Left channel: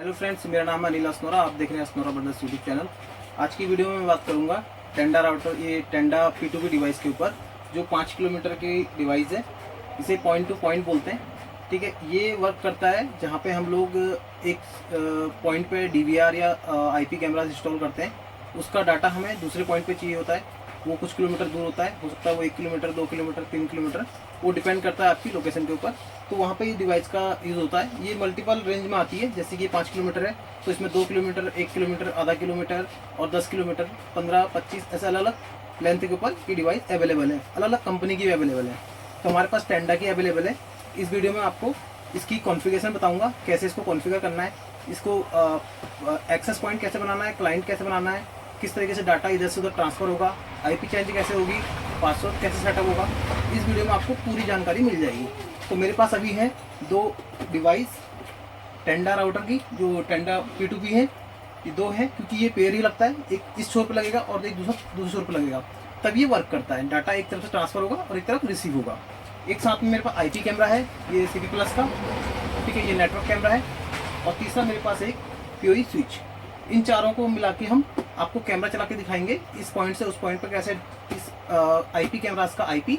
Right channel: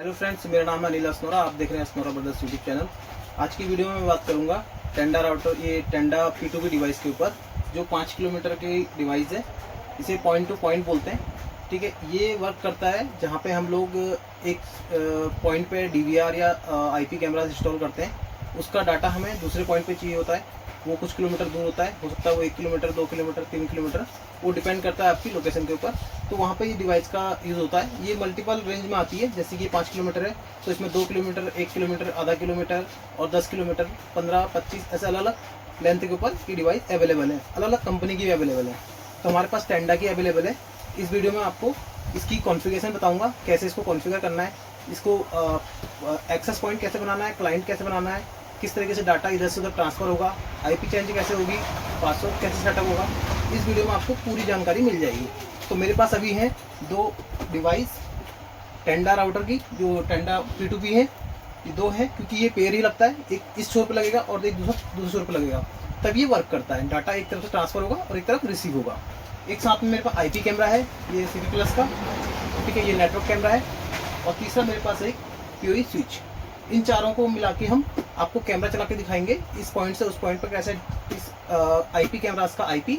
Hello friends, मेरा नाम है अनिल असनोरा। आप देख रहे हैं असनोरा ब्रदर्स यूट्यूब चैनल। आज की वीडियो में मैं बात करूंगा टेंडा राउटर, ये टेंडा P2P डिवाइस के ऊपर, जो 5 किलोमीटर की डिवाइस है। इसे पॉइंट टू पॉइंट बोलते हैं। ठीक है, ये वर्क करता है जहाँ पे हम लोग एक पॉइंट पे DVR या IP कैमरा इंस्टॉल करते हैं। उसका डाटा हमें दूसरे पॉइंट पे चाहिए होता है। वो कुछ किलोमीटर दूर होता है, हो सकता है वो 1 किलोमीटर, 2 किलोमीटर, 3 किलोमीटर, वो डिपेंड करता है आपकी लोकेशन के ऊपर। तो वहाँ पे ये डिवाइस का यूज़ होता है। ये मल्टीपल रेंज में आती है, जैसे कि 5 किलोमीटर है तो इसमें 2 किलोमीटर, 1 किलोमीटर, आधा किलोमीटर और 10 किलोमीटर, 15, 25 ऐसे अलग अलग लेंथ के ऊपर ये डिवाइस अवेलेबल है। अलग अलग कंपनी की भी अवेलेबल है। तो हमारे पास टेंडा की अवेलेबल है। इस वीडियो में आपको इसकी कॉन्फ़िगरेशन बताऊँगा, कैसे इसको कॉन्फ़िगर करना है, इसको एक्सेस पॉइंट कैसे बनाना है, क्लाइंट कैसे बनाना है, किस तरीके से डाटा इधर से उधर ट्रांसफ़र होगा, IP चेंज कैसे होगी, पासवर्ड कैसे सेटअप होगा। इस वीडियो में आपको पूरी जानकारी मिल जाएगी। तो मेरे पास अभी हैं 2 डिवाइस टेंडा राउटर की, जो टेंडा P2P है। ये 2 हैं क्योंकि ये पेयर ही लगता है। एक इस छोर पर लगेगा और एक दूसरे छोर पर लगेगा, तब ये वर्क करता है। डाटा एक तरफ से ट्रांसफ़र होगा और एक तरफ रिसीव होगा। एक साथ में मेरे पास IP कैमरा है, ये CP+ का, ठीक है, ये नेटवर्क कैमरा है। और तीसरा मेरे पास एक PoE स्विच। इन चारों को मिला के हम आपको कैमरा चला के दिखाएंगे, इस पॉइंट से उस पॉइंट पर कैसे इस IP कैमरा का IP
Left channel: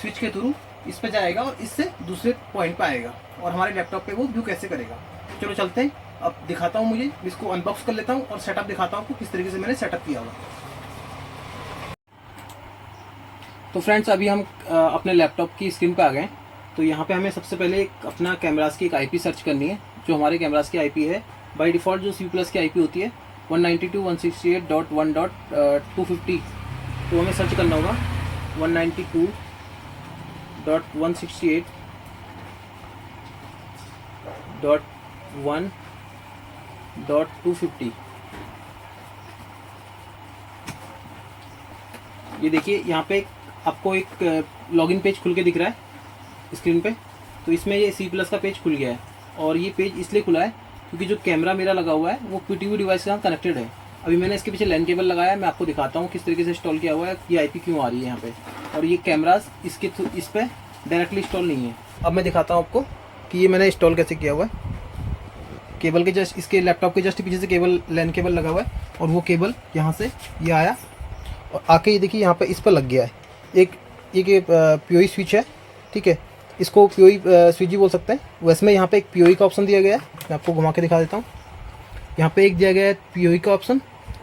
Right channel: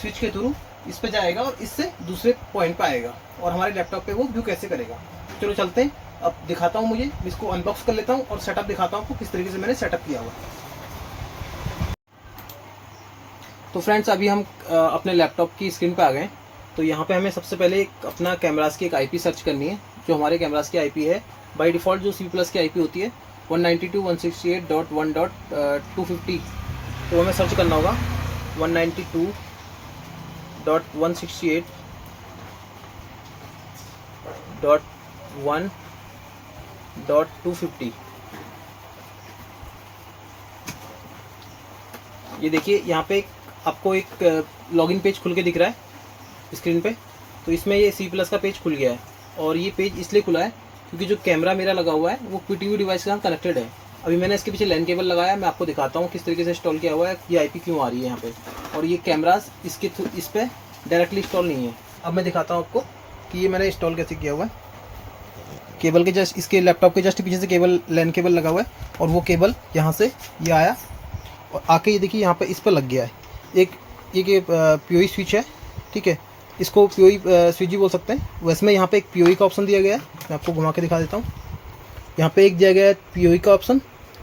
स्विच के थ्रू इस पे जाएगा और इससे दूसरे पॉइंट पे आएगा और हमारे लैपटॉप पे वो व्यू कैसे करेगा। चलो चलते हैं, अब दिखाता हूँ। मुझे इसको अनबॉक्स कर लेता हूँ और सेटअप दिखाता हूँ आपको किस तरीके से मैंने सेटअप किया हुआ। तो फ्रेंड्स, अभी हम अपने लैपटॉप की स्क्रीन पे आ गए। तो यहाँ पे हमें सबसे पहले अपना कैमरास की एक IP सर्च करनी है। जो हमारे कैमरास की IP है, बाय डिफ़ॉल्ट जो CP+ की IP होती है 192.168.1.250, तो हमें सर्च करना होगा 192.168.1.250। ये देखिए, यहाँ पे आपको एक लॉगिन पेज खुल के दिख रहा है स्क्रीन पे। तो इसमें ये CP+ का पेज खुल गया है। और ये पेज इसलिए खुला है क्योंकि जो कैमरा मेरा लगा हुआ है वो P2P डिवाइस के साथ कनेक्टेड है। अभी मैंने इसके पीछे LAN केबल लगाया है, मैं आपको दिखाता हूँ किस तरीके से इंस्टॉल किया हुआ है, ये IP क्यों आ रही है यहाँ पे। और ये कैमरास इस पर डायरेक्टली इंस्टॉल नहीं है। अब मैं दिखाता हूँ आपको कि ये मैंने इंस्टॉल कैसे किया हुआ है। केबल के जस्ट, इसके लैपटॉप के जस्ट पीछे से केबल, LAN केबल लगा हुआ है और वो केबल यहाँ से ये आया और आके ये देखिए यहाँ पर इस पर लग गया है। एक PoE स्विच है, ठीक है, इसको PoE स्विच ही बोल सकते हैं। वैसे में यहाँ पे एक PoE का ऑप्शन दिया गया है, मैं आपको घुमा के दिखा देता हूँ। यहाँ पे एक दिया गया है PoE का ऑप्शन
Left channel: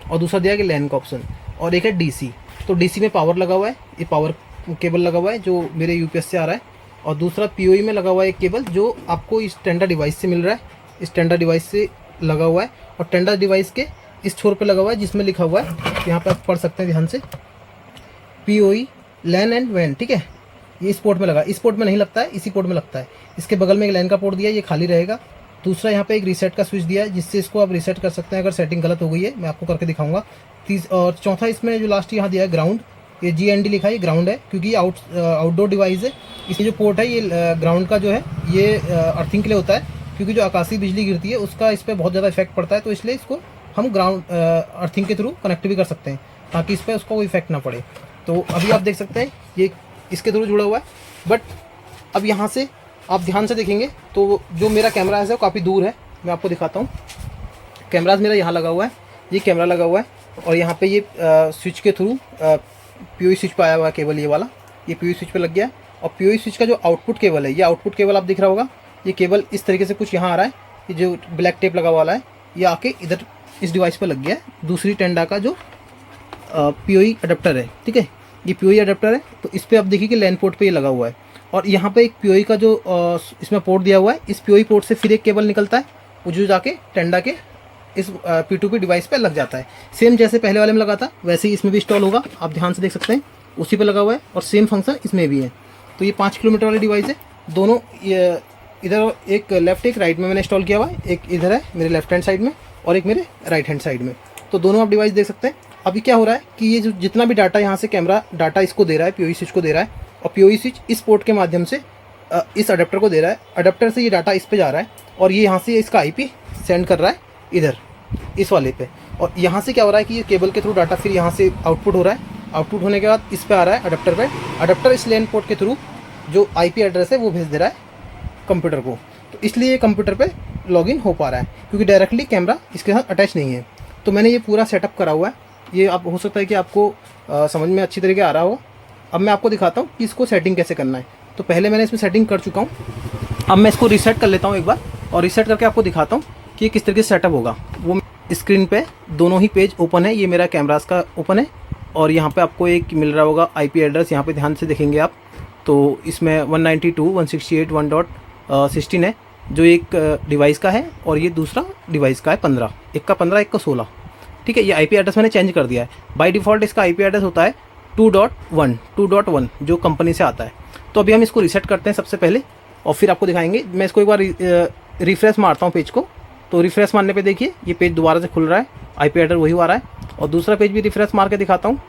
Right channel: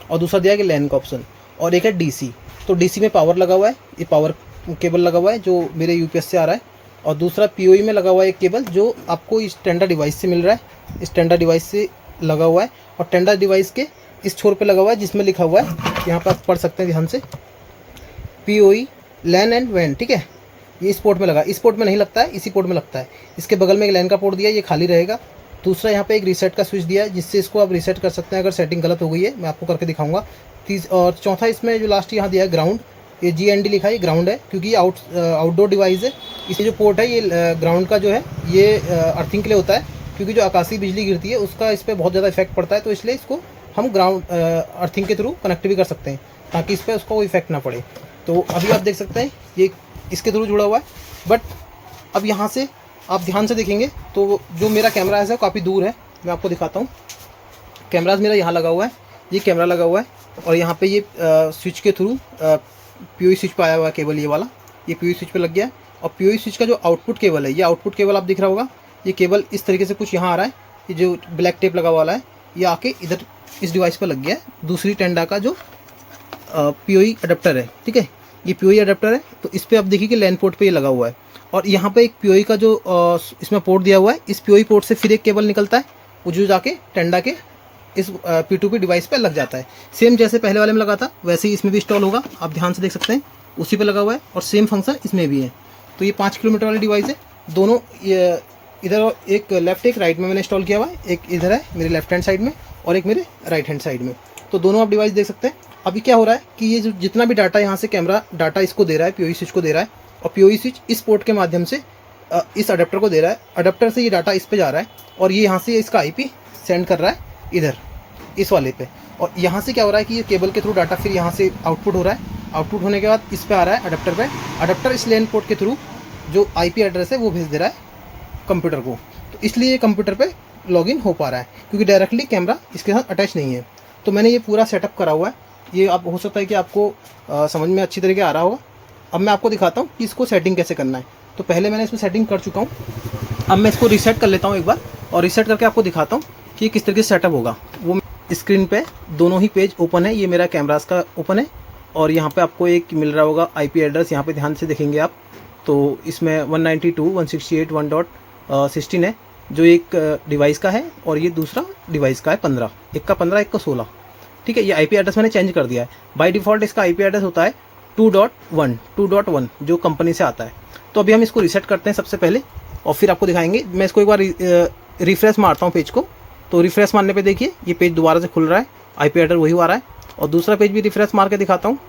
और दूसरा दिया गया LAN का ऑप्शन, और एक है DC। तो DC में पावर लगा हुआ है, ये पावर केबल लगा हुआ है जो मेरे UPS से आ रहा है। और दूसरा PoE में लगा हुआ है एक केबल जो आपको इस टेंडा डिवाइस से मिल रहा है, इस टेंडा डिवाइस से लगा हुआ है। और टेंडा डिवाइस के इस छोर पर लगा हुआ है जिसमें लिखा हुआ है, यहाँ पर आप पढ़ सकते हैं ध्यान से, PoE LAN एंड WAN, ठीक है। ये इस पोर्ट में लगा, इस पोर्ट में नहीं लगता है, इसी पोर्ट में लगता है। इसके बगल में एक LAN का पोर्ट दिया है, ये खाली रहेगा। दूसरा यहाँ पे एक रीसेट का स्विच दिया है जिससे इसको आप रीसेट कर सकते हैं अगर सेटिंग गलत हो गई है, मैं आपको करके दिखाऊंगा। और चौथा इसमें जो लास्ट यहाँ दिया है ग्राउंड, ये GND लिखा है, ये ग्राउंड है क्योंकि आउटडोर डिवाइस है। इसमें जो पोर्ट है ये ग्राउंड का जो है ये अर्थिंग के लिए होता है, क्योंकि जो आकाशीय बिजली गिरती है उसका इस पर बहुत ज़्यादा इफेक्ट पड़ता है। तो इसलिए इसको हम ग्राउंड अर्थिंग के थ्रू कनेक्ट भी कर सकते हैं ताकि इस पर उसका कोई इफेक्ट ना पड़े। तो अभी आप देख सकते हैं ये इसके थ्रू जुड़ा हुआ है। बट अब यहाँ से आप ध्यान से देखेंगे तो जो मेरा कैमरा है वो काफ़ी दूर है। मैं आपको दिखाता हूँ। कैमराज मेरा यहाँ लगा हुआ है, ये कैमरा लगा हुआ है और यहाँ पे ये स्विच के थ्रू PoE स्विच पे आया हुआ है केबल, ये वाला, ये PoE स्विच पे लग गया है। और PoE स्विच का जो आउटपुट केबल है, ये आउटपुट केबल आप दिख रहा होगा, ये केबल इस तरीके से कुछ यहाँ आ रहा है। ये जो ब्लैक टेप लगा वाला है ये आके इधर इस डिवाइस पर लग गया है, दूसरी टेंडा का जो PoE अडेप्टर है, ठीक है, ये PoE अडेप्टर है। तो इस पर आप देखिए कि LAN पोर्ट पे ये लगा हुआ है। और यहाँ पे एक PoE का जो इसमें पोर्ट दिया हुआ है, इस PoE पोर्ट से फिर एक केबल निकलता है, वो जो जाके टेंडा के इस P2P डिवाइस पे लग जाता है। सेम जैसे पहले वाले में लगा था वैसे ही इसमें भी इंस्टॉल होगा, आप ध्यान से देख सकते हैं, उसी पे लगा हुआ है और सेम फंक्शन इसमें भी है। तो ये 5 किलोमीटर वाली डिवाइस है। दोनों इधर एक लेफ्ट एक राइट में मैंने इंस्टॉल किया हुआ है, एक इधर है मेरे लेफ्ट हैंड साइड में और एक मेरे राइट हैंड साइड में। तो दोनों आप डिवाइस देख सकते हैं। अभी क्या हो रहा है कि ये जो जितना भी डाटा यहाँ से कैमरा डाटा इसको दे रहा है, PoE स्विच को दे रहा है, और PoE स्विच इस पोर्ट के माध्यम से इस अडेप्टर को दे रहा है। अडेप्टर से ये डाटा इस पे जा रहा है और ये यहाँ से इसका IP सेंड कर रहा है इधर इस वाले पे। और यहाँ से क्या हो रहा है कि ये केबल के थ्रू डाटा फिर यहाँ से आउटपुट हो रहा है। आउटपुट होने के बाद इस पे आ रहा है अडेप्टर पे। अडेप्टर इस LAN पोर्ट के थ्रू जो IP एड्रेस है वो भेज दे रहा है कंप्यूटर को। तो इसलिए कंप्यूटर पे लॉगिन हो पा रहा है, क्योंकि डायरेक्टली कैमरा इसके साथ अटैच नहीं है। तो मैंने ये पूरा सेटअप करा हुआ है। ये आप हो सकता है कि आपको समझ में अच्छी तरीके आ रहा होगा। अब मैं आपको दिखाता हूँ कि इसको सेटिंग कैसे करना है। तो पहले मैंने इसमें सेटिंग कर चुका हूँ। अब मैं इसको रीसेट कर लेता हूँ एक बार, और रीसेट करके आपको दिखाता हूँ कि ये किस तरीके से सेटअप होगा। वो स्क्रीन पे दोनों ही पेज ओपन है। ये मेरा कैमरास का ओपन है, और यहाँ पे आपको एक मिल रहा होगा IP एड्रेस। यहाँ पे ध्यान से देखेंगे आप तो इसमें 192.168.1.16 है, जो एक डिवाइस का है, और ये दूसरा डिवाइस का है 15। एक का 15, एक का 16। ठीक है, ये IP एड्रेस मैंने चेंज कर दिया है। बाय डिफ़ॉल्ट इसका IP एड्रेस होता है 2.1 जो कंपनी से आता है। तो अभी हम इसको रीसेट करते हैं सबसे पहले, और फिर आपको दिखाएंगे। मैं इसको एक बार रिफ्रेश मारता हूँ पेज को। तो रिफ्रेश मारने पे देखिए ये पेज दोबारा से खुल रहा है, IP एड्रेस वही आ रहा है। और दूसरा पेज भी रिफ्रेश मार के दिखाता हूँ,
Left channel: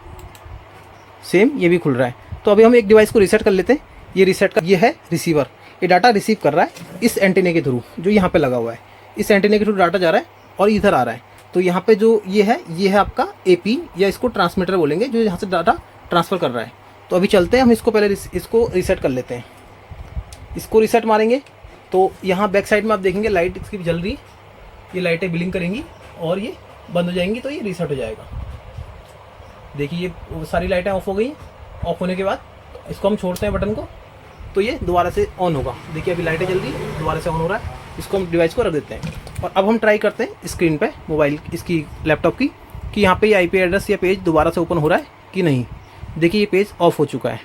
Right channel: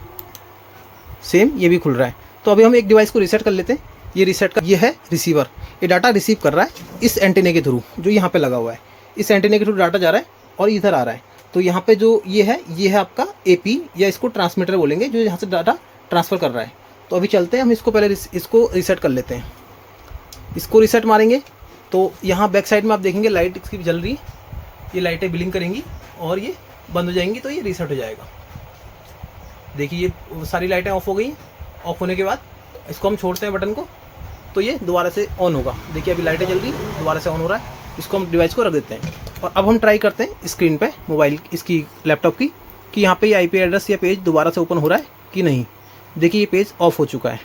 सेम ये भी खुल रहा है। तो अभी हम एक डिवाइस को रीसेट कर लेते हैं। ये रीसेट का ये है रिसीवर, ये डाटा रिसीव कर रहा है इस एंटीने के थ्रू जो यहाँ पे लगा हुआ है। इस एंटीने के थ्रू डाटा जा रहा है और इधर आ रहा है। तो यहाँ पे जो ये है आपका AP, या इसको ट्रांसमीटर बोलेंगे, जो यहाँ से डाटा ट्रांसफ़र कर रहा है। तो अभी चलते हैं हम इसको पहले इसको रीसेट कर लेते हैं। इसको रीसेट मारेंगे तो यहाँ बैक साइड में आप देखेंगे लाइट इसकी जल रही है। ये लाइटें ब्लिंक करेंगी और ये बंद हो जाएंगी, तो ये रीसेट हो जाएगा। देखिए ये सारी लाइटें ऑफ हो गई। ऑफ होने के बाद इसको हम छोड़ते हैं बटन को, तो ये दोबारा से ऑन होगा। देखिए अभी लाइटें जल रही, दोबारा से ऑन हो रहा है। इसको हम डिवाइस को रख देते हैं, और अब हम ट्राई करते हैं स्क्रीन पे मोबाइल इसकी लैपटॉप की, कि यहाँ पे ये IP एड्रेस या पेज दोबारा से ओपन हो रहा है कि नहीं। देखिए ये पेज ऑफ हो चुका है,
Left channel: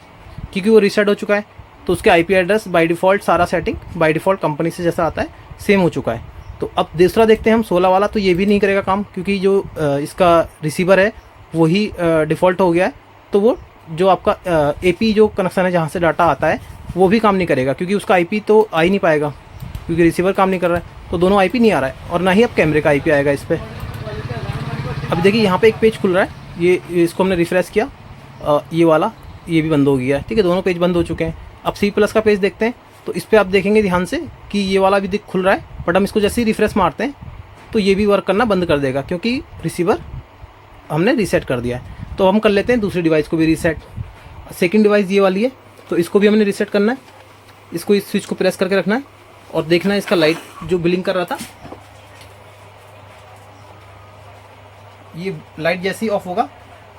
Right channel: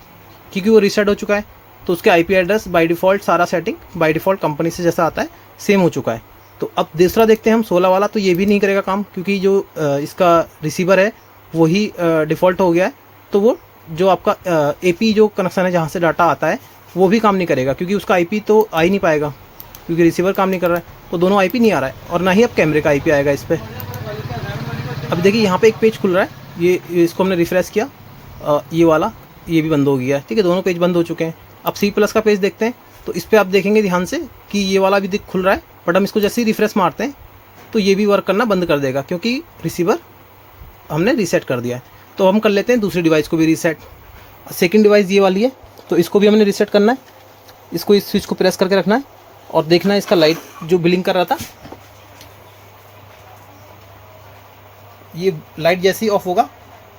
क्योंकि वो रीसेट हो चुका है। तो उसके IP एड्रेस बाय डिफ़ॉल्ट सारा सेटिंग बाय डिफ़ॉल्ट कंपनी से जैसा आता है सेम हो चुका है। तो अब दूसरा देखते हैं हम 16 वाला। तो ये भी नहीं करेगा काम, क्योंकि जो इसका रिसीवर है वही डिफ़ॉल्ट हो गया है। तो वो जो आपका AP जो कनेक्शन है जहाँ से डाटा आता है वो भी काम नहीं करेगा, क्योंकि उसका IP तो आ ही नहीं पाएगा, क्योंकि रिसीवर काम नहीं कर रहा है। तो दोनों IP नहीं आ रहा है, और ना ही अब कैमरे का IP आएगा इस पर। अब देखिए यहाँ पे एक पेज खुल रहा है। ये इसको हमने रिफ्रेश किया, ये वाला ये भी बंद हो गया है। ठीक है, दोनों पेज बंद हो चुके हैं। अब C+ का पेज देखते हैं। तो इस पर आप देखेंगे ध्यान से कि ये वाला भी खुल रहा है, बट हम इसको जैसे ही रिफ्रेश मारते हैं तो ये भी वर्क करना बंद कर देगा, क्योंकि रिसीवर हमने रीसेट कर दिया है। तो हम कर लेते हैं दूसरी डिवाइस को भी रीसेट। सेकंड डिवाइस ये वाली है, तो इसको भी हमने रीसेट करना है। इसको इस स्विच को प्रेस करके रखना है, और देखना है इसका लाइट जो ब्लिंक कर रहा था, ये लाइट जैसे ही ऑफ होगा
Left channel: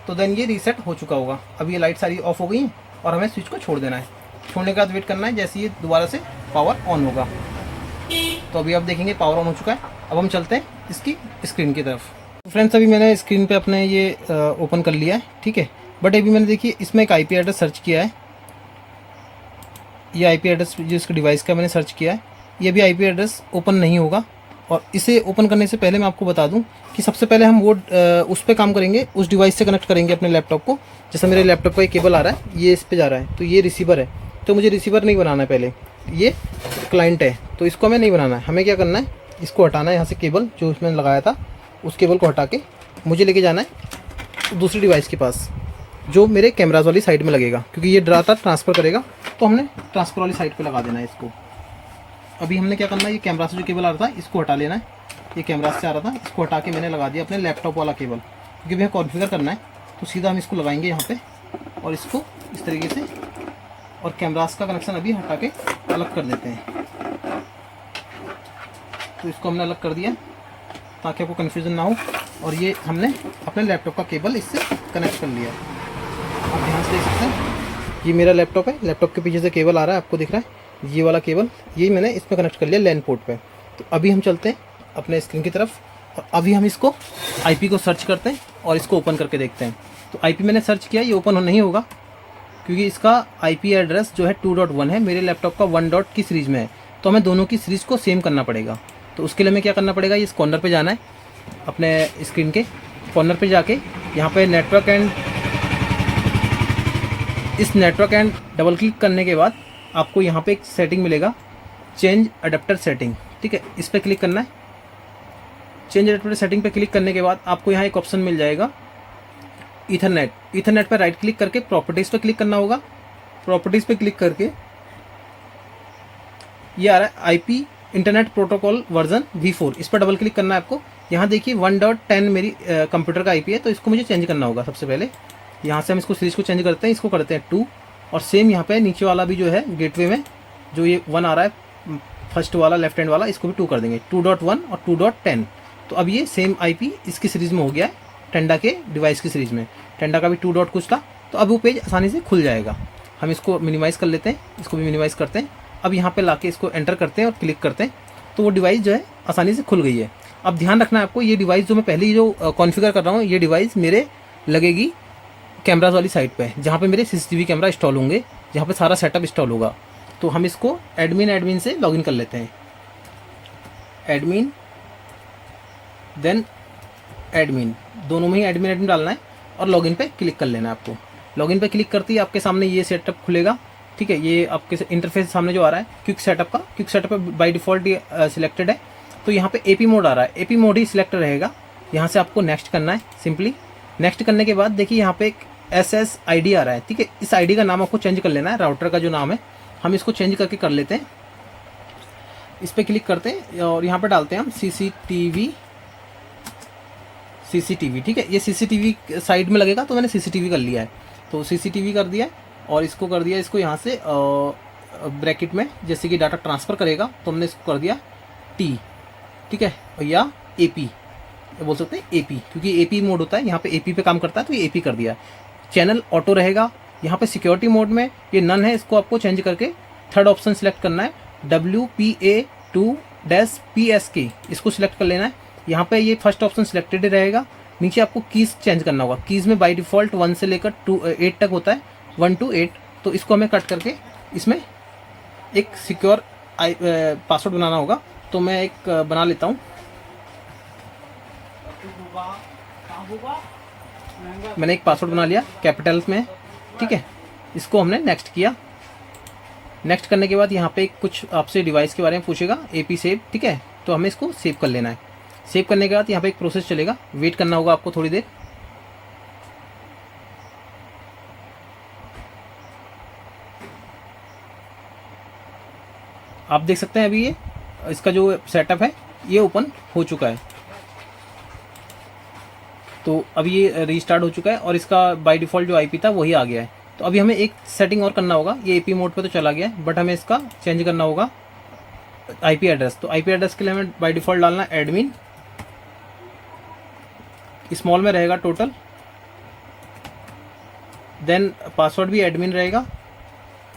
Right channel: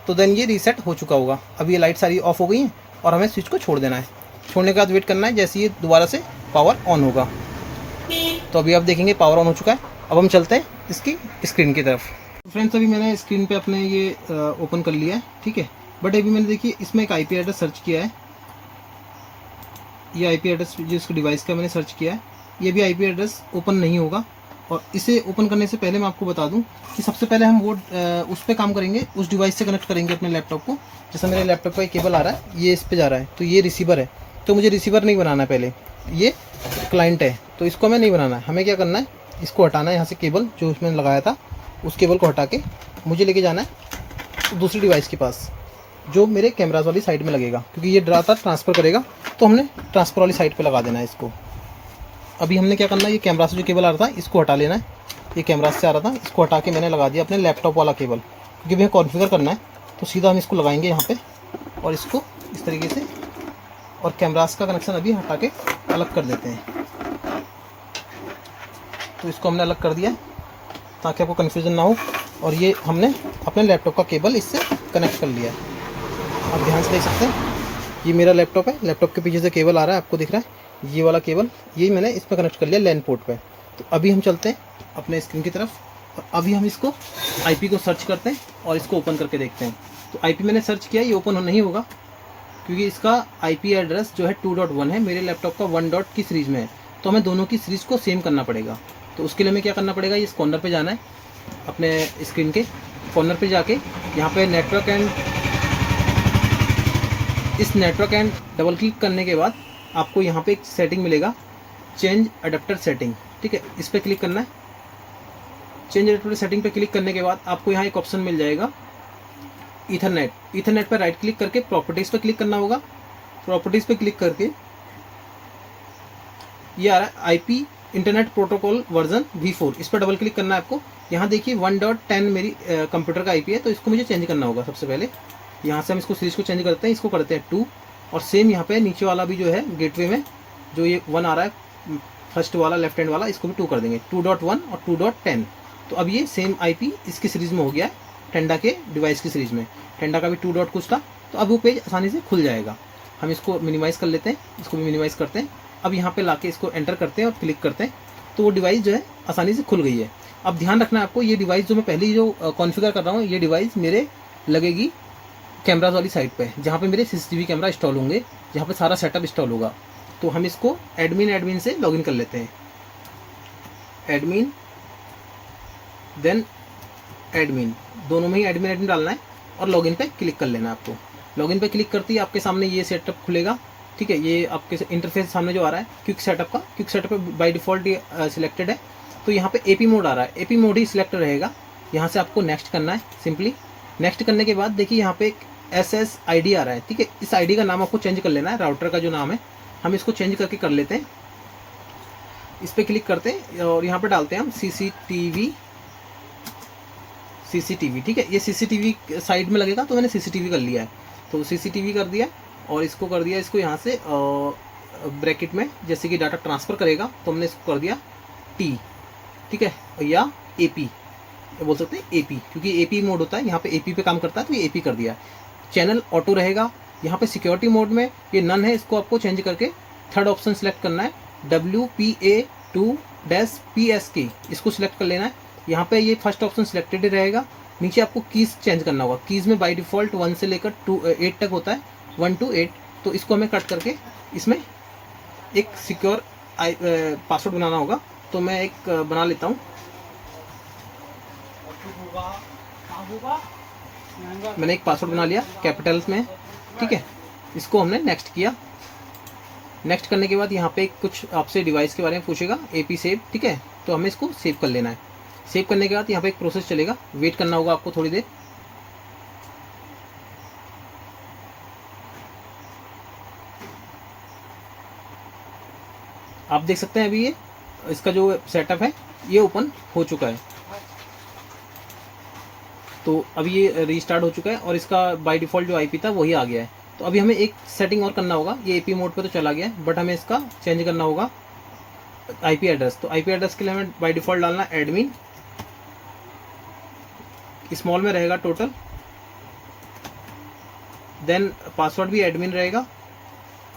तो देन ये रीसेट हो चुका होगा। अब ये लाइट सारी ऑफ हो गई हैं, और हमें स्विच को छोड़ देना है। छोड़ने के बाद वेट करना है जैसे ये दोबारा से पावर ऑन होगा। तो अभी आप देखेंगे पावर ऑन हो चुका है। अब हम चलते हैं इसकी स्क्रीन की तरफ। फ्रेंड्स अभी मैंने स्क्रीन पे अपने ये ओपन कर लिया है। ठीक है, बट अभी मैंने देखिए इसमें एक IP एड्रेस सर्च किया है। ये IP एड्रेस जो इसके डिवाइस का मैंने सर्च किया है, ये भी IP एड्रेस ओपन नहीं होगा। और इसे ओपन करने से पहले मैं आपको बता दूं कि सबसे पहले हम वो उस पर काम करेंगे, उस डिवाइस से कनेक्ट करेंगे अपने लैपटॉप को। जैसे मेरे लैपटॉप का एक केबल आ रहा है, ये इस पे जा रहा है, तो ये रिसीवर है। तो मुझे रिसीवर नहीं बनाना है, पहले ये क्लाइंट है, तो इसको हमें नहीं बनाना है। हमें क्या करना है, इसको हटाना है यहाँ से, केबल जो उसमें लगाया था उस केबल को हटा के मुझे लेके जाना है दूसरी डिवाइस के पास, जो मेरे कैमराज वाली साइड में लगेगा, क्योंकि ये डाटा ट्रांसफ़र करेगा। तो हमने ट्रांसफ़र वाली साइड पे लगा देना है इसको। अभी हमने क्या करना है, ये कैमरा से जो केबल आ रहा था इसको हटा लेना है। ये कैमरा से आ रहा था, इसको हटा के मैंने लगा दिया अपने लैपटॉप वाला केबल, क्योंकि हमें कॉन्फ़िगर करना है। तो सीधा हम इसको लगाएंगे यहाँ पे, और इसको इस तरीके से, और कैमरास का कनेक्शन अभी हटा के अलग कर देते हैं। तो इसको हमने अलग कर दिया ताकि आपको कन्फ्यूज़न ना हो। और ये हमने अपने लैपटॉप का केबल इससे कनेक्ट कर लिया। आप ध्यान से देख सकते हैं, ये मेरा लैपटॉप है। लैपटॉप के पीछे से केबल आ रहा है, आपको दिख रहा है ये वाला केबल, यही मैंने इसमें कनेक्ट कर लिया लैन पोर्ट पे। तो अभी हम चलते हैं अपने स्क्रीन की तरफ, और अभी हम इसको IP को सर्च करते हैं और इसको ओपन करके देखते हैं। तो IP मैंने सर्च किया, ये ओपन नहीं होगा, क्योंकि इसका IP एड्रेस जो है 2.1 है, मेरे लैपटॉप का 1 डॉट की सीरीज़ में है। तो हमें दोनों की सीरीज़ को सेम करना पड़ेगा। तो उसके लिए हमें क्या करना पड़ेगा, इस कॉर्नर पे जाना है, अपने स्क्रीन के कॉर्नर पे जाके यहाँ पे नेटवर्क एंड, इस नेटवर्क एंड डबल क्लिक करने के बाद आपको यहाँ पे एक सेटिंग मिलेगा, चेंज अडेप्टर सेटिंग। ठीक है, इस पर क्लिक करना है। चेंज अडेप्टर सेटिंग पे क्लिक करने के बाद आपको यहाँ एक ऑप्शन मिल जाएगा ईथरनेट। ईथरनेट पर राइट क्लिक करके प्रॉपर्टीज़ पे क्लिक करना होगा। प्रॉपर्टीज़ पे क्लिक करके ये आ रहा है IP internet protocol version V4, इस पर डबल क्लिक करना है आपको। यहाँ देखिए 1.10 मेरी कंप्यूटर का IP है, तो इसको मुझे चेंज करना होगा। सबसे पहले यहाँ से हम इसको सीरीज को चेंज करते हैं, इसको करते हैं 2, और सेम यहाँ पे नीचे वाला भी जो है गेटवे में जो ये 1 आ रहा है फर्स्ट वाला लेफ्ट हैंड वाला इसको भी 2 कर देंगे, 2.1 और 2.10। तो अब ये सेम IP इसकी सीरीज़ में हो गया टेंडा के डिवाइस की सीरीज़ में। टेंडा का भी 2 डॉट कुछ था, तो अब वो पेज आसानी से खुल जाएगा। हम इसको मिनिमाइज़ कर लेते हैं, इसको भी मिनिमाइज़ करते हैं। अब यहाँ पे लाके इसको एंटर करते हैं और क्लिक करते हैं, तो वो डिवाइस जो है आसानी से खुल गई है। अब ध्यान रखना है आपको, ये डिवाइस जो मैं पहले ही जो कॉन्फ़िगर कर रहा हूँ, ये डिवाइस मेरे लगेगी कैमराज वाली साइड पे, जहाँ पे मेरे CCTV कैमरा इंस्टॉल होंगे, जहाँ पे सारा सेटअप इंस्टॉल होगा। तो हम इसको एडमिन से लॉगिन कर लेते हैं, एडमिन देन एडमिन, दोनों में ही एडमिन डालना है और लॉगिन पे क्लिक कर लेना है आपको। लॉगिन पे क्लिक करते ही आपके सामने ये सेटअप खुलेगा, ठीक है। ये आपके इंटरफेस सामने जो आ रहा है क्विक सेटअप का, क्विक सेटअप बाय डिफ़ॉल्ट ये सिलेक्टेड है। तो यहाँ पे AP मोड आ रहा है, AP मोड ही सिलेक्ट रहेगा। यहाँ से आपको नेक्स्ट करना है, सिंपली नेक्स्ट करने के बाद देखिए यहाँ पे एक SSID आ रहा है, ठीक है। इस ID का नाम आपको चेंज कर लेना है, राउटर का जो नाम है हम इसको चेंज करके कर लेते हैं। इस पर क्लिक करते हैं और यहाँ पे डालते हैं हम CCTV, ठीक है। ये CCTV साइड में लगेगा, तो मैंने CCTV कर लिया है, तो CCTV कर दिया और इसको कर दिया, इसको यहाँ से ब्रैकेट में जैसे कि डाटा ट्रांसफ़र करेगा, तो हमने इसको कर दिया T, ठीक है, या AP बोल सकते हैं, AP, क्योंकि AP मोड होता है, यहाँ पे AP पे काम करता है, तो ये AP कर दिया। चैनल ऑटो रहेगा। यहाँ पे सिक्योरिटी मोड में ये नन है, इसको आपको चेंज करके थर्ड ऑप्शन सेलेक्ट करना है, WPA2-PSK, इसको सिलेक्ट कर लेना है। यहाँ पे ये फर्स्ट ऑप्शन सिलेक्टेड रहेगा। नीचे आपको कीज़ चेंज करना होगा। कीज़ में बाय डिफ़ॉल्ट 1 से लेकर 8 तक होता है, 1 to 8। तो इसको हमें कट करके इसमें एक सिक्योर पासवर्ड बनाना होगा, तो मैं एक बना लेता हूँ। मैंने एक पासवर्ड बना लिया कैपिटल्स में, ठीक है। इसको हमने नेक्स्ट किया। नेक्स्ट करने के बाद यहाँ पे कुछ आपसे डिवाइस के बारे में पूछेगा, AP सेव, ठीक है। तो हमें इसको सेव कर लेना है। सेव करने के बाद यहाँ पे एक प्रोसेस चलेगा, वेट करना होगा आपको थोड़ी देर। आप देख सकते हैं अभी ये इसका जो सेटअप है ये ओपन हो चुका है। तो अभी ये रीस्टार्ट हो चुका है और इसका बाय डिफ़ॉल्ट जो IP था वही आ गया है। तो अभी हमें एक सेटिंग और करना होगा। ये AP मोड पे तो चला गया है, बट हमें इसका चेंज करना होगा IP एड्रेस। तो IP एड्रेस के लिए हमें बाय डिफ़ॉल्ट डालना एडमिन, स्मॉल में रहेगा टोटल, देन पासवर्ड भी एडमिन रहेगा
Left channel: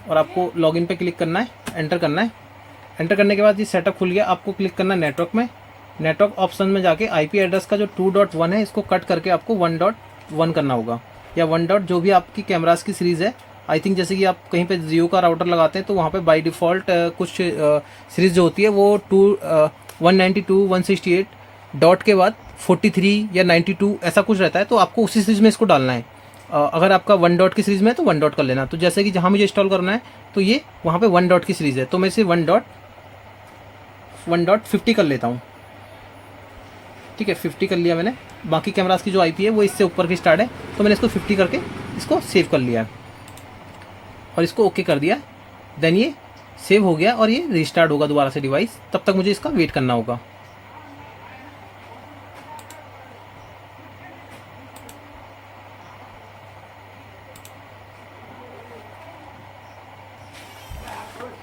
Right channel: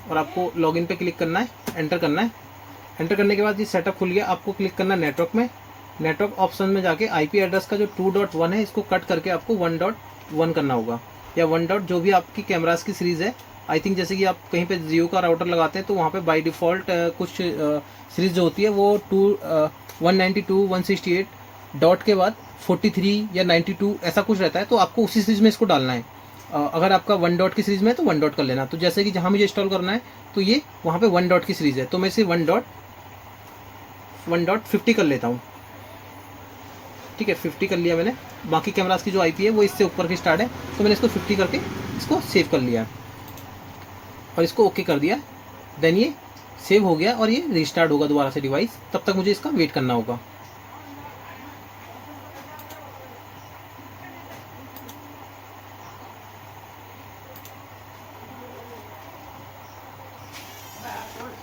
और आपको लॉगिन पे क्लिक करना है, एंटर करना है। एंटर करने के बाद ये सेटअप खुल गया। आपको क्लिक करना है नेटवर्क में, नेटवर्क ऑप्शन में जाके IP एड्रेस का जो 2.1 है इसको कट करके आपको 1.1 करना होगा, या 1 डॉट जो भी आपकी कैमरास की सीरीज़ है। आई थिंक जैसे कि आप कहीं पे जियो का राउटर लगाते हैं तो वहाँ पे बाय डिफ़ॉल्ट कुछ सीरीज़ जो होती है वो 192 168 डॉट के बाद 43 या 92 ऐसा कुछ रहता है, तो आपको उसी सीरीज़ में इसको डालना है। अगर आपका 1 डॉट की सीरीज़ में है तो 1 डॉट कर लेना। तो जैसे कि जहाँ मुझे इंस्टॉल करना है तो ये वहाँ पे 1 डॉट की सीरीज़ है, तो मैं इसे 1.50 कर लेता हूँ, ठीक है। 50 कर लिया मैंने। बाकी कैमरास की जो IP है वो इससे ऊपर की स्टार्ट है, तो मैंने इसको 50 करके इसको सेव कर लिया और इसको ओके कर दिया। देन ये सेव हो गया और ये रीस्टार्ट होगा दोबारा से डिवाइस। तब तक मुझे इसका वेट करना होगा।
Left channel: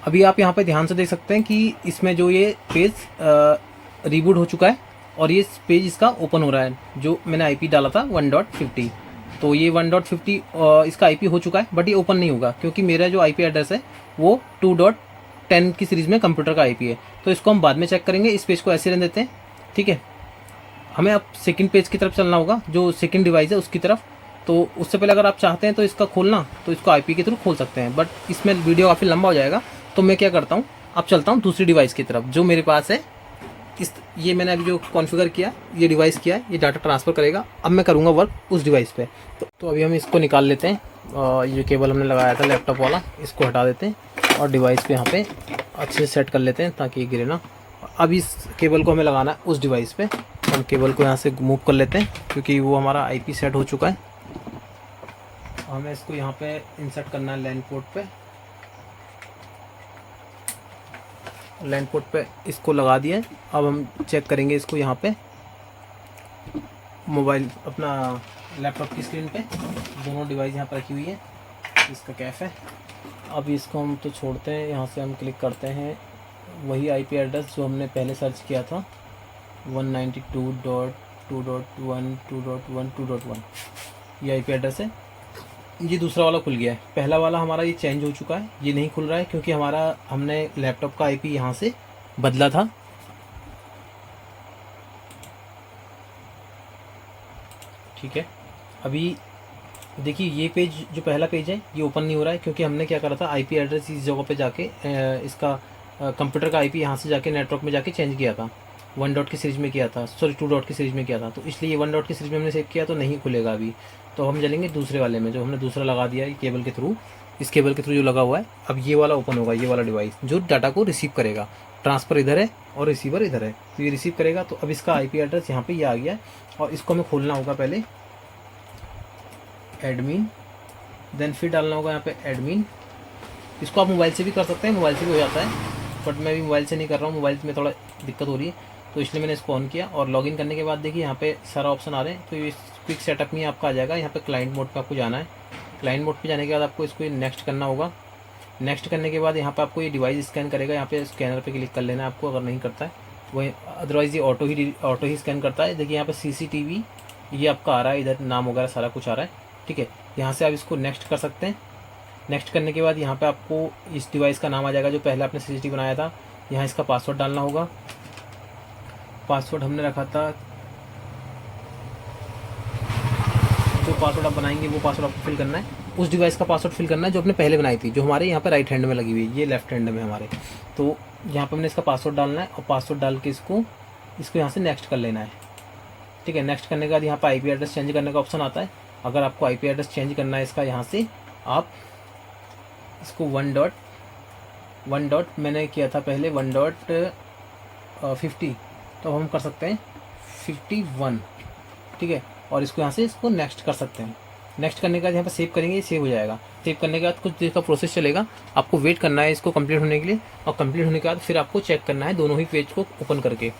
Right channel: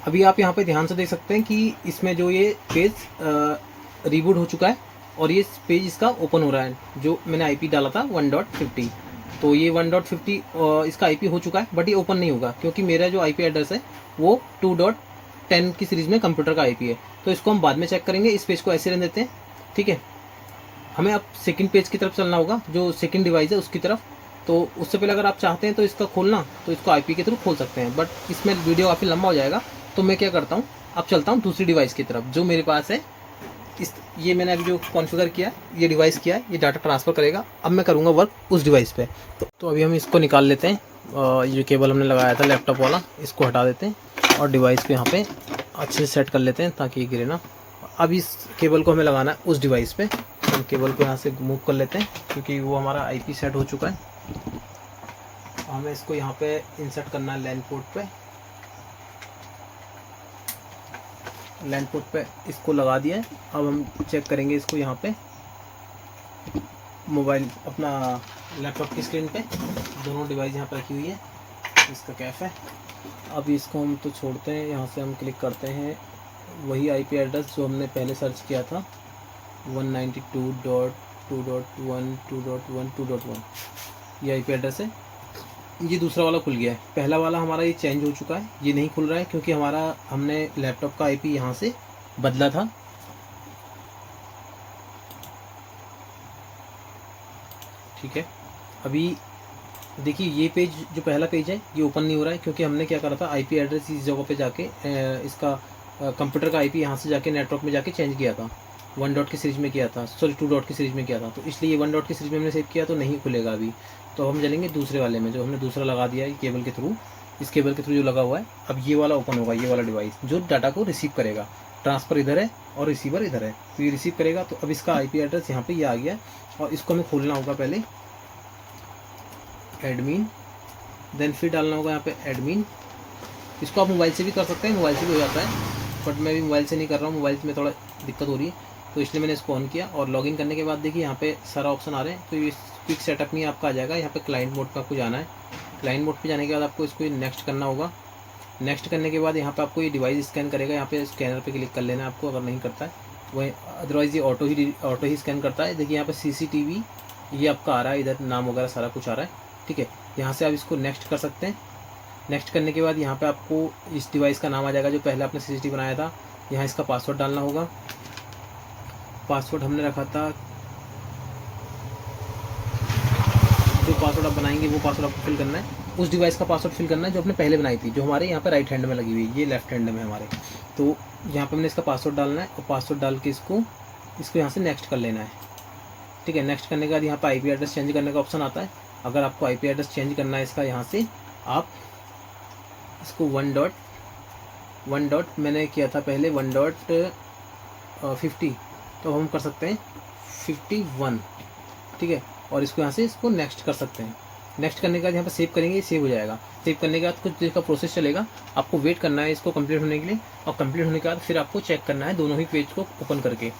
अभी आप यहाँ पे ध्यान से देख सकते हैं कि इसमें जो ये पेज रीबूट हो चुका है और ये पेज इसका ओपन हो रहा है। जो मैंने IP डाला था 1.50, तो ये 1.50 इसका IP हो चुका है, बट ये ओपन नहीं होगा क्योंकि मेरा जो IP एड्रेस है वो 2.10 की सीरीज़ में कंप्यूटर का IP है। तो इसको हम बाद में चेक करेंगे। इस पेज को ऐसे रहने देते हैं, ठीक है। हमें अब सेकंड पेज की तरफ चलना होगा, जो सेकंड डिवाइस है उसकी तरफ। तो उससे पहले अगर आप चाहते हैं तो इसका खोलना, तो इसको IP के थ्रू खोल सकते हैं, बट इसमें वीडियो काफ़ी लंबा हो जाएगा। तो मैं क्या करता हूँ, अब चलता हूँ दूसरी डिवाइस की तरफ जो मेरे पास है। ये मैंने अभी जो कॉन्फ़िगर किया, ये डिवाइस किया है, ये डाटा ट्रांसफ़र करेगा। अब मैं करूँगा वर्क उस डिवाइस पे। तो अभी हम इसको निकाल लेते हैं। ये जो केबल हमने लगाया था लैपटॉप वाला, इसको हटा देते हैं और डिवाइस को यहाँ पे अच्छे से सेट कर लेते हैं ताकि ये गिरे ना। अब इस केबल को हमें लगाना है उस डिवाइस पे। हम केबल को यहाँ से मूव कर लेते हैं क्योंकि वो हमारा IP सेट हो चुका है। हमें इसको यहाँ पे इंसर्ट करना है लैन पोर्ट पे। लैन पोर्ट पे इसको लगा दिया। अब हम चेक करेंगे इसको यहाँ पे मोबाइल अपना लैपटॉप की स्क्रीन पे। दोनों डिवाइस यहाँ पर रखी हुई है, इसका कैफ है। अब इसको हम तो छोड़ते हैं, यहाँ से हम क्लिक करते हैं वही आईपी एड्रेस जो हमने पहले सर्च किया था, 192.2.1.2.1 ये आईपी एड्रेस है। ये दूसरा वाला खुल गया है। पहला वाला हमारा ये चेंज हो चुका है, ये नहीं खुल रहा है क्योंकि हमने लैपटॉप का आईपी यहाँ से बदला था। ठीक है, अभी देखिए ये पेज जो पहला पेज है ये ओपन नहीं हो रहा है क्योंकि हमने क्या करा था, आईपी एड्रेस इस जगह पे जाके इसका कंप्यूटर का आईपी यहाँ से जाके नेटवर्क में जाके चेंज किया था, 1 डॉट की सीरीज में किया था, सॉरी 2 डॉट की सीरीज में किया था। तो इसलिए ये 1 डॉट की सीरीज में हमने सेव किया तो नहीं खुलेगा अभी। तो हम चलेंगे दूसरे वाले में जो हमने दूसरा लगा दिया है केबल के थ्रू। इस केबल के थ्रू जो लगा हुआ है, अब ये वाला ओपन होगा, ये वाला डिवाइस जो डाटा को रिसीव करेगा। ट्रांसफ़र इधर है और रिसीवर इधर है, तो ये रिसीव करेगा। तो अब इसका आईपी एड्रेस यहाँ पे ये आ गया और इसको हमें खोलना होगा पहले एडमिन, देन फिर डालना होगा यहाँ पे एडमिन। इसको आप मोबाइल से भी कर सकते हैं, मोबाइल से भी हो जाता है, बट मैं भी मोबाइल से नहीं कर रहा हूँ, मोबाइल में थोड़ा दिक्कत हो रही है, तो इसलिए मैंने इसको ऑन किया। और लॉगिन करने के बाद देखिए यहाँ पे सारा ऑप्शन आ रहे हैं। तो ये क्विक सेटअप में आपका आ जाएगा, यहाँ पे क्लाइंट मोड पे आपको जाना है। क्लाइंट मोड पे जाने के बाद आपको इसको नेक्स्ट करना होगा। नेक्स्ट करने के बाद यहाँ पे आपको ये डिवाइस स्कैन करेगा, यहाँ पे स्कैनर पे क्लिक कर लेना है आपको, अगर नहीं करता है वही, अदरवाइज़ ये ऑटो ही स्कैन करता है। देखिए यहाँ पे CCTV ये आपका आ रहा है, इधर नाम वगैरह सारा कुछ आ रहा है। ठीक है, यहाँ से आप इसको नेक्स्ट कर सकते हैं। नेक्स्ट करने के बाद यहाँ पे आपको इस डिवाइस का नाम आ जाएगा जो पहले आपने CCTV बनाया था। यहाँ इसका पासवर्ड डालना होगा। पासवर्ड हमने रखा था, जो पासवर्ड आप बनाएंगे वो पासवर्ड आपको फिल करना है, उस डिवाइस का पासवर्ड फिल करना है जो आपने पहले बनाई थी, जो हमारे यहाँ पे राइट हैंड में लगी हुई है, ये लेफ्ट हैंड में हमारे। तो यहाँ पे हमने इसका पासवर्ड डालना है और पासवर्ड डाल के इसको यहाँ से नेक्स्ट कर लेना है। ठीक है, नेक्स्ट करने के बाद यहाँ पर IP एड्रेस चेंज करने का ऑप्शन आता है। अगर आपको IP एड्रेस चेंज करना है इसका, यहाँ से आप इसको 1 डॉट मैंने किया था पहले 1.50, तो हम कर सकते हैं 51। ठीक है, और इसको यहाँ से इसको नेक्स्ट कर सकते हैं। नेक्स्ट करने के बाद यहाँ पर सेव करेंगे, सेव हो जाएगा। सेव करने के बाद कुछ देर का प्रोसेस चलेगा, आपको वेट करना है इसको कंप्लीट होने के लिए, और कंप्लीट होने के बाद फिर आपको चेक करना है दोनों ही पेज को ओपन करके।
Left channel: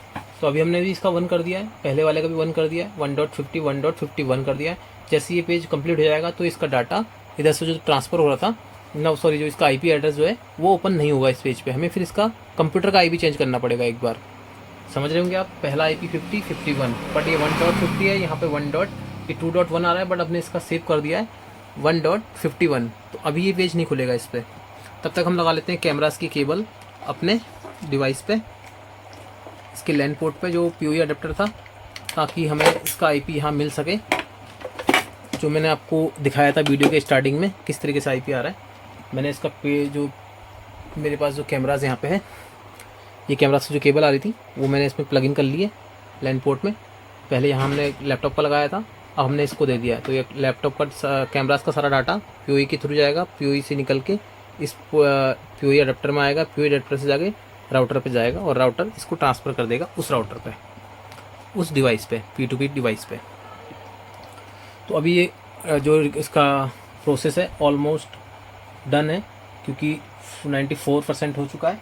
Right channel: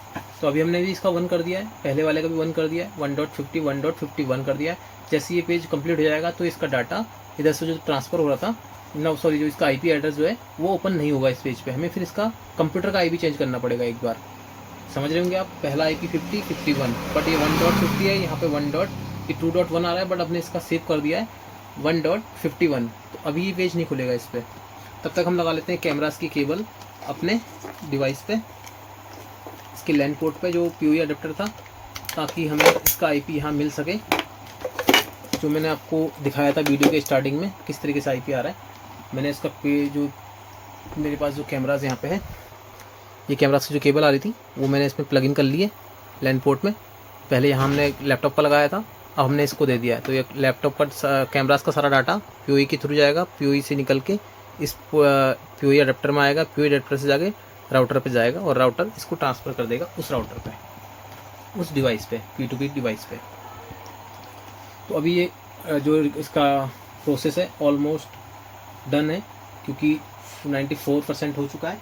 तो अभी हमने भी इसका 1 कर दिया है, पहले वाले का भी 1 कर दिया है, 1.50 1.51 कर दिया है। जैसे ये पेज कंप्लीट हो जाएगा तो इसका डाटा इधर से जो ट्रांसफ़र हो रहा था जो इसका IP एड्रेस जो है वो ओपन नहीं होगा इस पेज पे। हमें फिर इसका कंप्यूटर का IP चेंज करना पड़ेगा एक बार। समझ रहे होंगे आप, पहला IP 50 51, बट ये 1.50 है, यहाँ पे 2.1 आ रहा है, बट आपने इसका सेव कर दिया है 1.51। तो अभी ये पेज नहीं खुलेगा इस पर। तब तक हम लगा लेते हैं कैमरास की केबल अपने डिवाइस पे, इसके लैन पोर्ट पे जो PoE अडेप्टर था, ताकि हमें इसका IP यहाँ मिल सके, जो मैंने आपको दिखाया था वीडियो के स्टार्टिंग में किस तरीके से IP आ रहा है। मैंने इसका जो मेरे पास जो कैमराज यहाँ पे है, ये कैमरा से जो केबल आ रही थी वो मैंने इसमें प्लग इन कर ली है लैन पोर्ट में। पहले यहाँ हमने लैपटॉप का लगाया था, अब हमने इसको दे दिया है। तो ये लैपटॉप का कैमरास का सारा डाटा PoE के थ्रू जाएगा, PoE से निकल के इस PoE अडेप्टर में आएगा, PoE अडेप्टर से जाके राउटर पे जाएगा और राउटर इसको ट्रांसफ़र कर देगा उस राउटर पे, उस डिवाइस पे, P2P डिवाइस पे। तो अभी ये जो इसका प्रोसेस है ऑलमोस्ट डन है, क्योंकि 94% हो चुका है।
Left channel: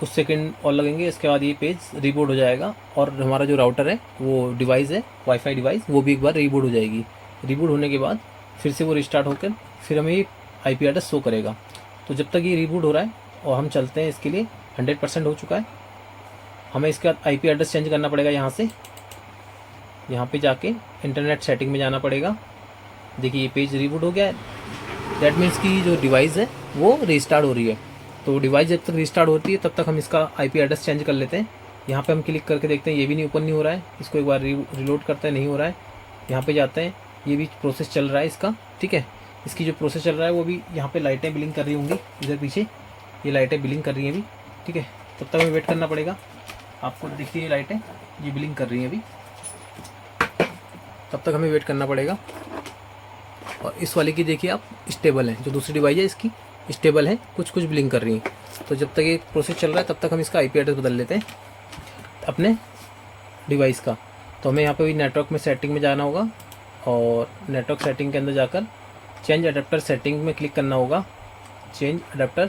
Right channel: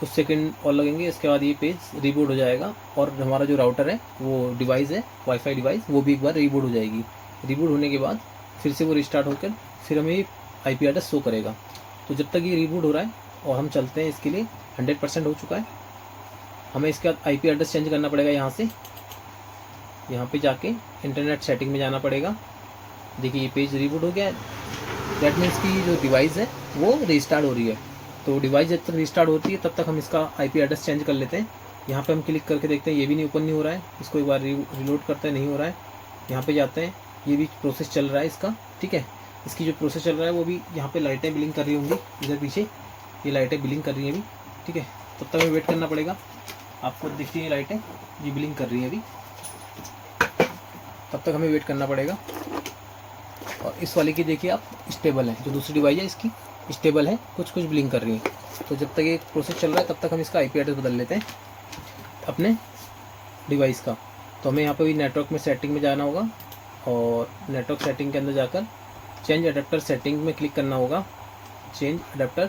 कुछ सेकंड और लगेंगे, इसके बाद ये पेज रीबूट हो जाएगा और हमारा जो राउटर है, वो डिवाइस है वाईफाई डिवाइस, वो भी एक बार रीबूट हो जाएगी। रीबूट होने के बाद फिर से वो रिस्टार्ट होकर फिर हमें ये IP एड्रेस शो करेगा। तो जब तक ये रीबूट हो रहा है और हम चलते हैं, इसके लिए 100% हो चुका है। हमें इसके बाद IP एड्रेस चेंज करना पड़ेगा। यहाँ से यहाँ पे जाके इंटरनेट सेटिंग में जाना पड़ेगा। देखिए ये पेज रीबूट हो गया है, दैट मीन्स कि जो डिवाइस है वो रिस्टार्ट हो रही है। तो डिवाइस जब तक रिस्टार्ट होती है तब तक हम इसका IP एड्रेस चेंज कर लेते हैं। यहाँ पे हम क्लिक करके देखते हैं, ये भी नहीं ओपन नहीं हो रहा है। इसको एक बार रिलोड करते हैं, नहीं हो रहा है। यहाँ पे जाते हैं, ये भी प्रोसेस चल रहा है इसका। ठीक है, इसकी जो प्रोसेस चल रहा है वो भी, यहाँ पे लाइटें ब्लिंक कर रही होंगी, इधर पीछे ये लाइटें ब्लिंक कर रही हैं अभी। ठीक है, तब तक हमें वेट करना पड़ेगा। आपको देखिए ये लाइटें ये ब्लिंक कर रही हैं अभी, तब तक हमें वेट करना पड़ेगा। और इस वाले की देखिए आप स्टेबल है, जो दूसरी डिवाइस है इसकी स्टेबल है, कुछ कुछ ब्लिंक कर रही है। तो जब तक ये प्रोसेस चल रहा है तब तक हम इसका IP एड्रेस बदल लेते हैं अपने डिवाइस का। तो हमें यहाँ पे भी नेटवर्क में सेटिंग में जाना होगा और नेटवर्क सेटिंग के अंदर जाकर चेंज अडेप्टर सेटिंग में क्लिक करना होगा। चेंज अडेप्टर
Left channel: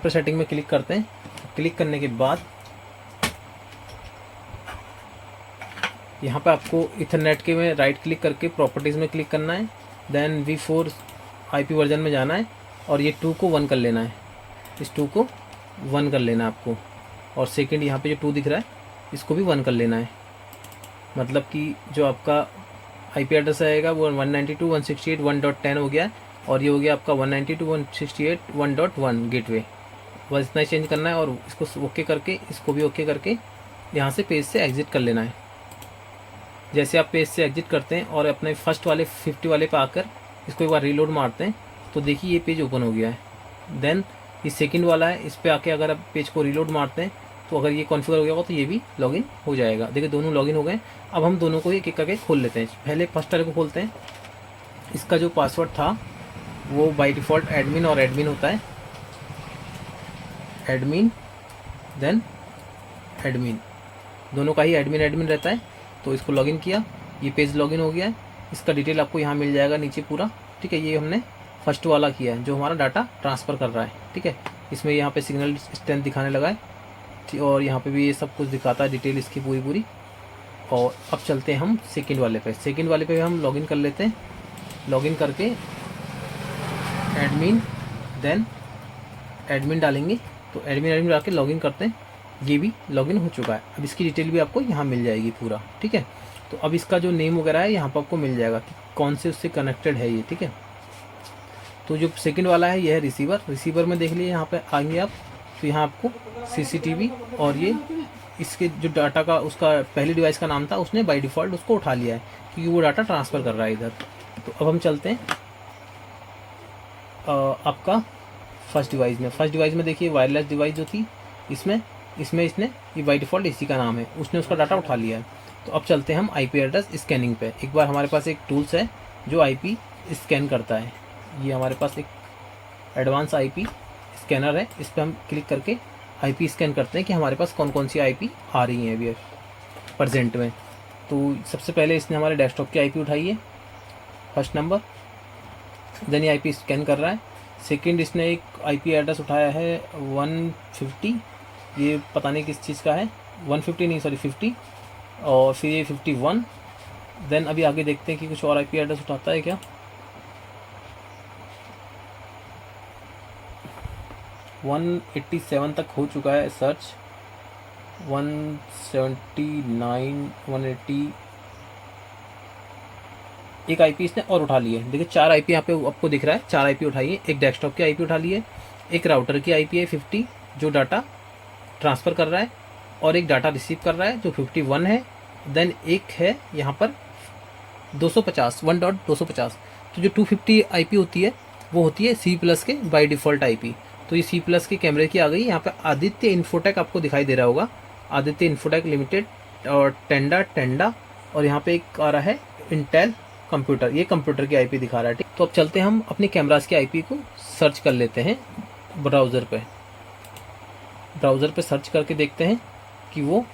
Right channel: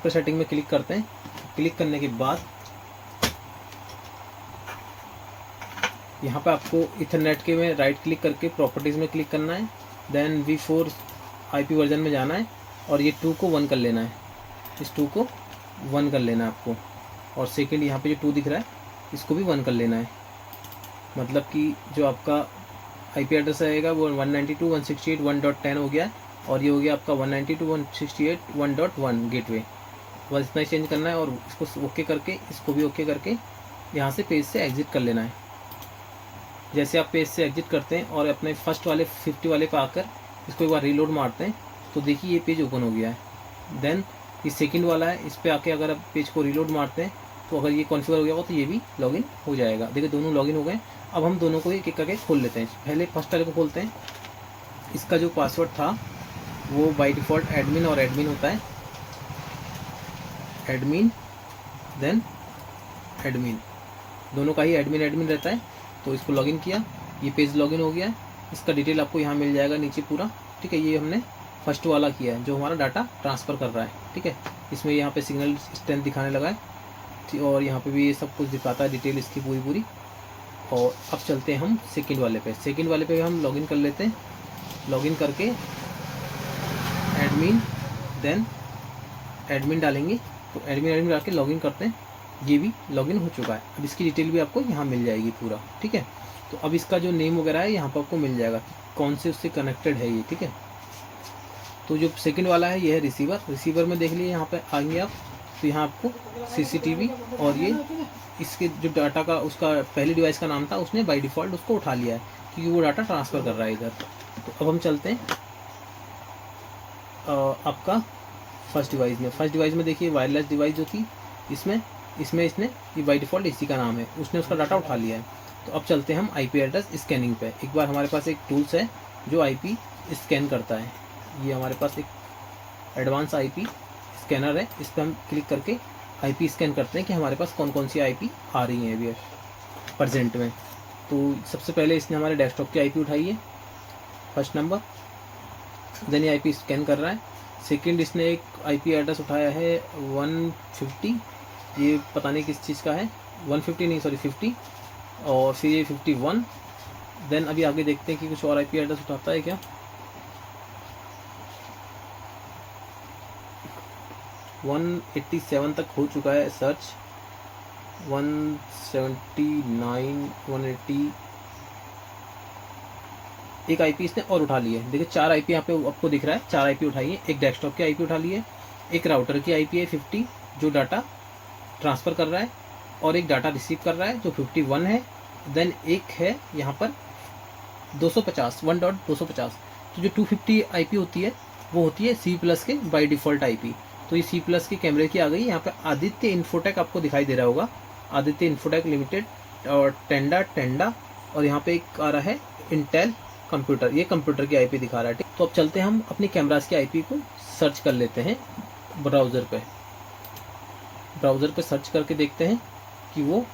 सेटिंग में क्लिक करते हैं। क्लिक करने के बाद यहाँ पे आपको इथरनेट के में राइट क्लिक करके प्रॉपर्टीज़ में क्लिक करना है, देन V4 IP वर्जन में जाना है और ये 2 को 1 कर लेना है। इस 2 को 1 कर लेना है आपको, और सेकंड यहाँ पे जो 2 दिख रहा है इसको भी 1 कर लेना है। मतलब कि जो आपका IP एड्रेस आएगा वो 192.168.1.10 हो गया है, और ये हो गया आपका 192.168.1.1 गेटवे। बस इतना ही चेंज करना है, और इसको ओके करके, इसको भी ओके करके यहाँ से पेज से एग्जिट कर लेना है। जैसे आप पेज से एग्जिट करते हैं और अपने फर्स्ट वाले 50 वाले पे आकर इसको एक बार रीलोड मारते हैं तो देखिए ये पेज ओपन हो गया है। देन ये सेकंड वाला है, इस पे आके अगर आप पेज को रीलोड मारते हैं तो अगर ये कॉन्फ़िगर हो गया होगा तो ये भी लॉगिन हो जाएगा। देखिए दोनों लॉगिन हो गए। अब हम दोनों को एक एक करके खोल लेते हैं। पहले फर्स्ट वाले को खोलते हैं। इसका जो पासवर्ड था वो बाय डिफ़ॉल्ट एडमिन और एडमिन होता है, एडमिन देन एडमिन, दोनों का ही एडमिन एडमिन रहता है। तो इसको लॉगिन किया, ये पेज लॉगिन हो गया है। इसका डिटेल आपको यहाँ मिल जाएगा नीचे पूरा, ठीक है। ये हमने फर्स्ट वाला किया है जो हमारा डाटा ट्रांसफ़र कर रहा है, ठीक है। इसमें यहाँ पे सिग्नल स्ट्रेंथ दिखाने लगा है, और यहाँ पे भी ये सब कुछ दिखाता है डिटेल इसकी पूरी। और अब चलते हैं हम सेकंड वाले पे। सेकंड वाले पे हम लॉगिन कर लेते हैं। लॉगिन करके एडमिन देन एडमिन डालेंगे, तो एडमिन एडमिन डाल के लॉगिन करते हैं। ये भी लॉगिन हो चुका है। अब इसकी डिटेल भी आपको यहाँ मिल जाएगी पूरा, ठीक है। तो अब इसका जो नेम वगैरह है यहाँ पर आपको मिल जाएगा कि कौन से उससे कनेक्टेड है ये, ठीक है। तो जो सेकंड वाला है ये है रिसीवर। रिसीवर में देख लीजिए यहाँ पे आएंगे आप, तो यहाँ आपको CCTV और ये इसके जो डाटा का उसका पहले डिवाइस का नाम था उसने बाय डिफ़ॉल्ट उसको उठा लिया है क्योंकि वो डाटा ट्रांसफ़र कर रहा है इधर। तो अब हम चलते हैं आपका फर्स्ट डिवाइस में। फर्स्ट डिवाइस में देखिए वायरलेस डिवाइस जो थी इसमें इसने ये बाय डिफ़ॉल्ट इसी का नाम है, उसने उसका डाटा उठा लिया है। तो अब चलते हैं हम IP एड्रेस स्कैनिंग पे। एक बार हमारे पास एक टूल्स है जो IP स्कैन करता है। ये हमारे पास एक एडवांस IP स्कैनर है, इस पर हम क्लिक करके IP स्कैन करते हैं कि हमारे पास कौन कौन सी IP आ रही हैं अभी प्रेजेंट में। तो सबसे पहले इसने हमारे डेस्कटॉप की IP उठाई है फर्स्ट नंबर, देन ये IP स्कैन कर रहा है। सेकंड इसने एक IP एड्रेस उठाया है 150, ये पता नहीं किस चीज़ का है, 150 नहीं सॉरी 50, और फिर ये 51। देन अभी आगे देखते हैं कि कुछ और IP एड्रेस उठाता है क्या। 187 तक हो चुका है सर्च, 179 180, एक IP इसने और उठा ली है। देखिए 4 IP यहाँ पे आपको दिख रहा है, 4 IP उठाई है। एक डेस्कटॉप की IP उठा ली है, एक राउटर की IP है 50 जो डाटा ट्रांसफ़र कर रहा है, और एक डाटा रिसीव कर रहा है जो 51 है। देन एक है यहाँ पर 250 1.250। तो जो 250 IP होती है वो होती है C+ के बाय डिफ़ॉल्ट IP। तो ये C+ के कैमरे की आ गई। यहाँ पर आदित्य इन्फोटेक आपको दिखाई दे रहा होगा, आदित्य इन्फोटेक लिमिटेड, और टेंडा, और यहाँ पे एक आ रहा है इंटेल कंप्यूटर, ये कंप्यूटर की IP दिखा रहा है, ठीक। तो अब चलते हैं हम अपने कैमरास की IP को सर्च कर लेते हैं ब्राउज़र पे। ब्राउज़र पे सर्च करके देखते हैं कि वो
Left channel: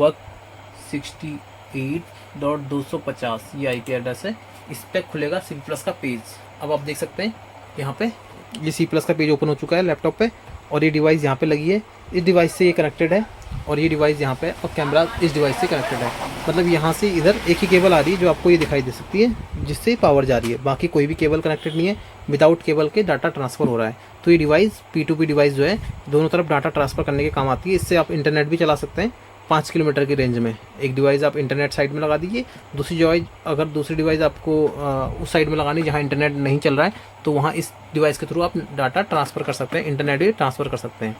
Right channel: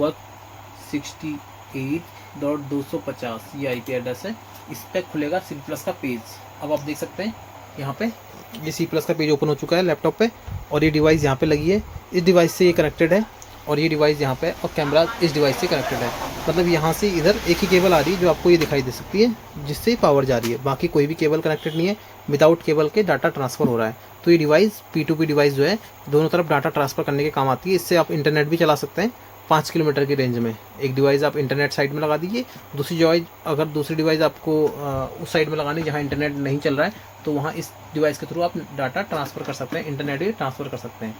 168.250 ये IP एड्रेस है। इस पर खुलेगा C+ का पेज। अब आप देख सकते हैं यहाँ पे ये C+ का पेज ओपन हो चुका है लैपटॉप पे, और ये डिवाइस यहाँ पे लगी है, इस डिवाइस से ये कनेक्टेड है, और ये डिवाइस यहाँ पे, और कैमरा इस डिवाइस से कनेक्टेड है। मतलब यहाँ से इधर एक ही केबल आ रही है जो आपको ये दिखाई दे सकती है, जिससे पावर जा रही है। बाकी कोई भी केबल कनेक्टेड नहीं है, विदाउट केबल के डाटा ट्रांसफ़र हो रहा है। तो ये डिवाइस P2P डिवाइस जो है दोनों तरफ डाटा ट्रांसफ़र करने के काम आती है। इससे आप इंटरनेट भी चला सकते हैं 5 किलोमीटर की रेंज में। एक डिवाइस आप इंटरनेट साइड में लगा दीजिए, दूसरी डिवाइस आपको उस साइड में लगानी जहाँ इंटरनेट नहीं चल रहा है, तो वहाँ इस डिवाइस के थ्रू आप डाटा ट्रांसफ़र कर सकते हैं, इंटरनेट भी ट्रांसफ़र कर सकते हैं।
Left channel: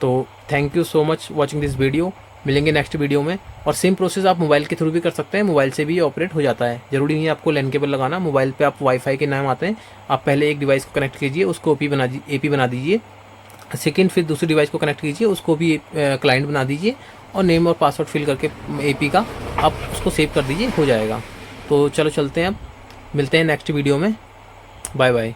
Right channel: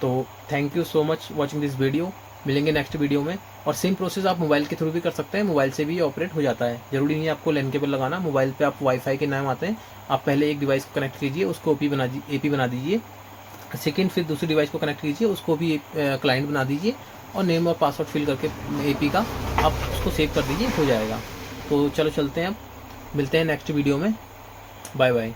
तो thank you so much watching this video. मिलेंगे नेक्स्ट वीडियो में। और सेम प्रोसेस आप मोबाइल के थ्रू भी कर सकते हैं, मोबाइल से भी ऑपरेट हो जाता है। जरूरी नहीं है आपको लैन केबल लगाना। मोबाइल पे आप वाईफाई के नाम आते हैं, आप पहले एक डिवाइस को कनेक्ट कीजिए, उसको AP बना दीजिए। सेकंड फिर दूसरी डिवाइस को कनेक्ट कीजिए, उसको भी क्लाइंट बना दीजिए, और नेम और पासवर्ड फिल करके AP का आप उसको सेव कर दीजिए, हो जाएगा। तो चलो चलते हैं, अब मिलते हैं नेक्स्ट वीडियो में। Bye bye.